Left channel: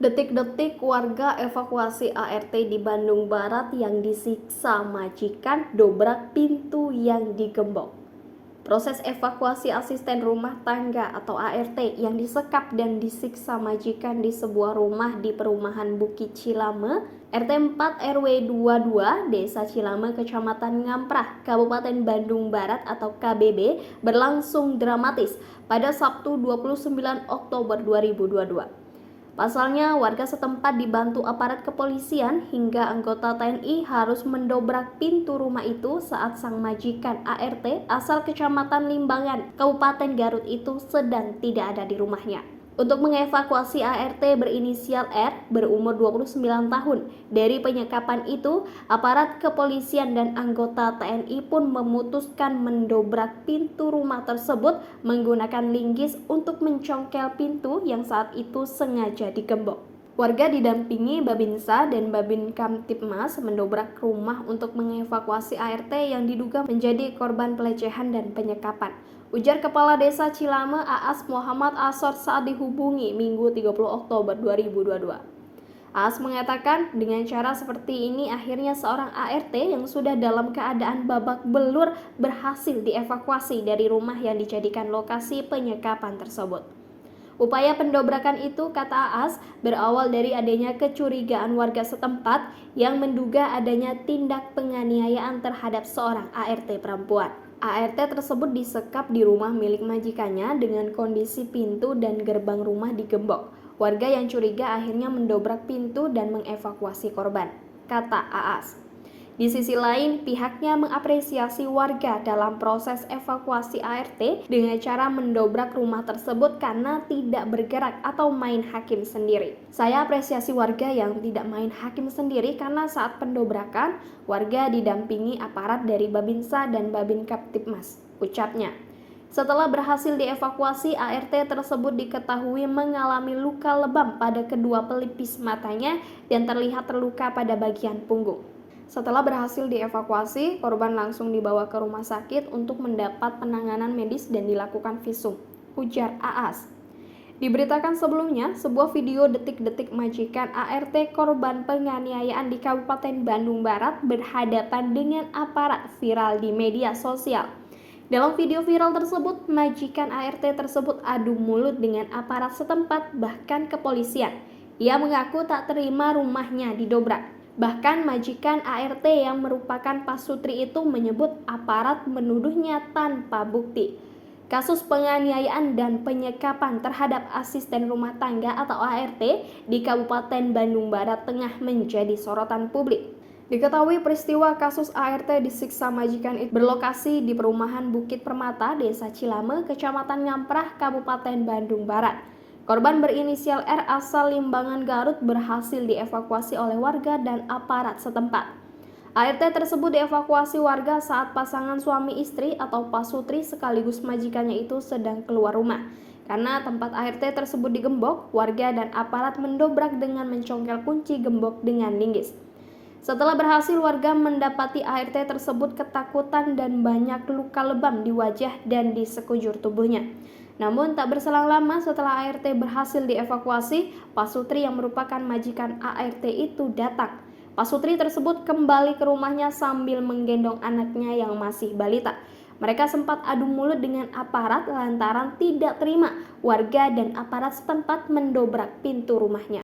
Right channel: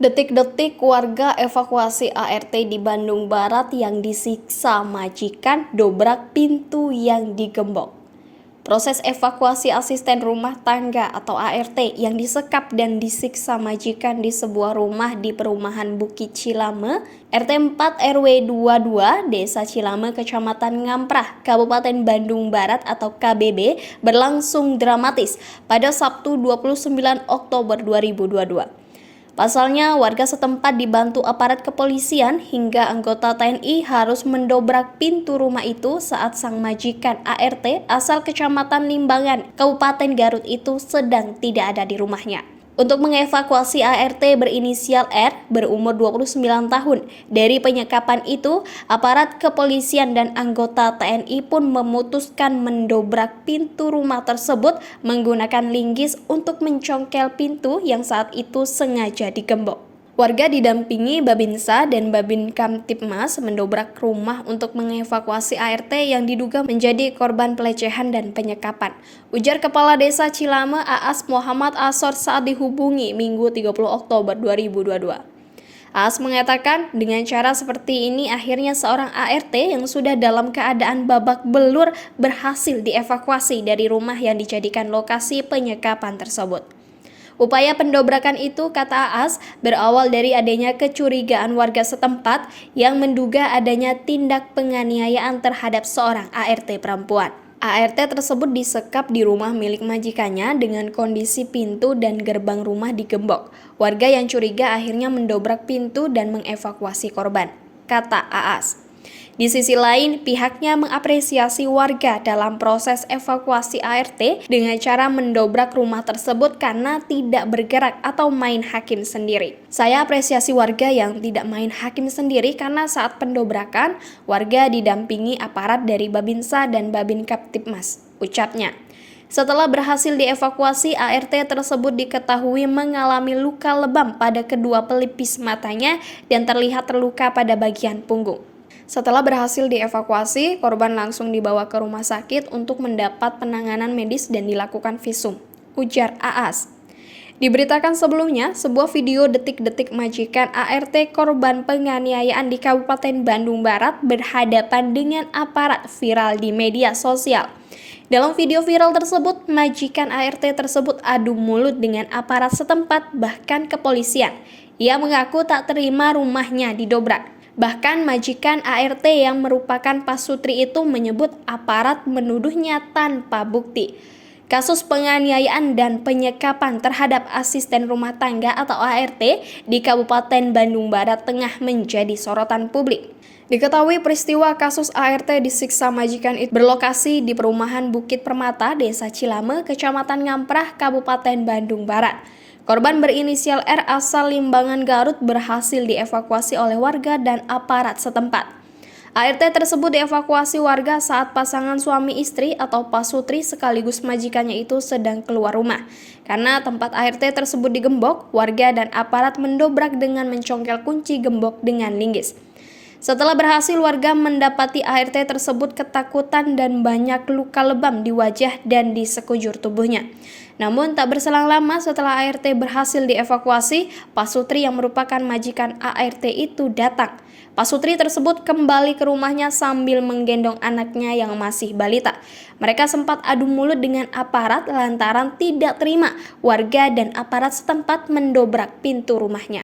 Detik-detik warga evakuasi ART di Bandung Barat yang disiksa majikan dobrak pintu yang digembok. Proses evakuasi asisten rumah tangga atau ART yang disekap dan disiksa majikan di sebuah rumah di perumahan Bukit Cilame, RT 4 RW 22, Desa Cilame, Kecamatan Ngamprah, Kabupaten Bandung Barat atau KBB berlangsung dramatis pada Sabtu 29 Oktober 2022. Pasalnya, warga setempat dibantu aparat kepolisian hingga anggota TNI harus mendobrak pintu rumah itu saat sang majikan ART asal Kecamatan Limbangan, Kabupaten Garut itu sedang tidak ada di rumahnya. Untuk mengevakuasi ART berinisial R berumur 29 tahun. Dari penyekapan itu, aparat kepolisian dan anggota TNI pun memutuskan mendobrak pintu rumah tersebut menggunakan linggis untuk mencongkel pintu yang saat itu sengaja digembok. Warga didampingi Babinsa dan Babin Kamtibmas mendobrak rumah untuk mengevakuasi ART yang diduga menjadi korban pelecehan dan penyekapan. Ujar Kepala Desa Cilame AAS Muhammad Asor saat dihubungi Minggu 30 Oktober 2022. AAS mengatakan dengan cara seperti ini akhirnya seorang ART yang sudah dalam keadaan babak belur berhasil dievakuasi dari rumah yang dijadikan lokasi penyekapan tersebut. Upaya pendobrakan itu, kata AAS, berawal dari adanya kecurigaan warga setempat yang menduga adanya tindak penganiayaan terhadap seorang ART perempuan. ART tersebut disekap di rumah milik majikannya dengan kondisi pintu dan gerbang rumah digembok. Warga yang curiga akhirnya mendobrak pintu dan mengevakuasi korban, kata AAS. Di sisi lain, pihaknya mengapresiasi warga dalam proses evakuasi ART dengan cara mendobrak rumah tersebut karena tidak bergerak atau main hakim sendiri. Saya apresiasi warga yang tidak main hakim sendiri karena saat pendobrakan, warga didampingi aparat dari Babinsa dan Babin Kamtibmas, ucapnya. Setelah berhasil dievakuasi, ART tersebut diketahui mengalami luka lebam pada kedua pelipis matanya dan terlihat terluka pada bagian punggung. Setelah berhasil dievakuasi, korban langsung dibawa ke rumah sakit untuk mendapat penanganan medis dan dilakukan visum, ujar AAS. Diberitakan sebelumnya, sebuah video detik-detik majikan ART korban penganiayaan di Kabupaten Bandung Barat berhadapan dengan aparat viral di media sosial. Dalam video viral tersebut, majikan ART tersebut adu mulut dengan aparat setempat bahkan kepolisian. Ia mengaku tak terima rumahnya didobrak. Bahkan majikan ART yang merupakan pasutri itu menyebut aparat menuduhnya tanpa bukti. Kasus penganiayaan dan penyekapan terhadap asisten rumah tangga atau ART di Kabupaten Bandung Barat tengah menjadi sorotan publik. Diketahui peristiwa kasus ART disiksa majikan itu berlokasi di perumahan Bukit Permata, Desa Cilame, Kecamatan Ngamprah, Kabupaten Bandung Barat. Korban berinisial R asal Limbangan Garut berhasil dievakuasi oleh warga dan aparat setempat. ART tersebut dievakuasi warga saat pasangan suami istri atau pasutri sekaligus majikannya itu sedang keluar rumah. Karena tempat ART tersebut digembok, warga dan aparat mendobrak dengan mencongkel kunci gembok dengan linggis. Setelah berhasil, warga mendapati ART tersebut ketakutan dan banyak luka lebam di wajah dan di sekujur tubuhnya. Namun tak berselang lama setelah ART berhasil dievakuasi, pasutri yang merupakan majikan ART itu datang. Pasutri tersebut kembali ke rumahnya sambil menggendong anaknya yang masih balita. Mereka sempat adu mulut dengan aparat lantaran tidak terima warga dan aparat setempat mendobrak pintu rumahnya.